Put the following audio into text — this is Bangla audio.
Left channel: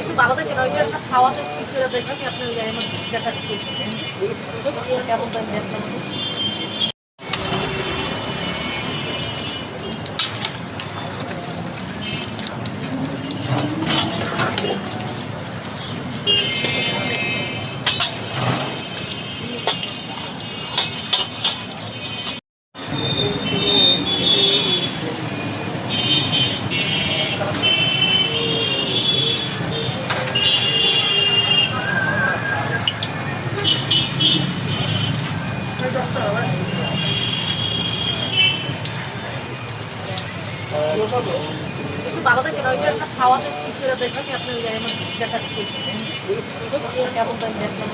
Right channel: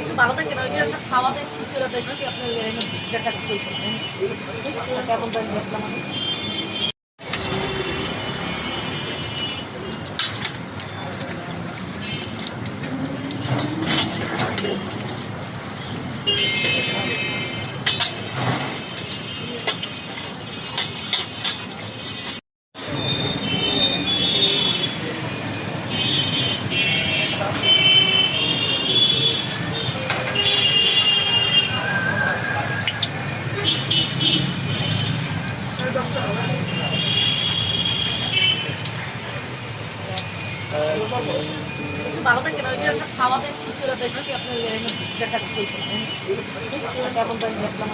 একটু ভালো দেখেন ওইটা খাওয়াতে ছেড়ে দেখবেন কি আপনি দেখা কেমন দাম দেখলাম একটু ভালো দেখেন ওইটা খাওয়াতে ছেড়ে দেখবেন কি আপনি দেখা কেমন দাম দেখলাম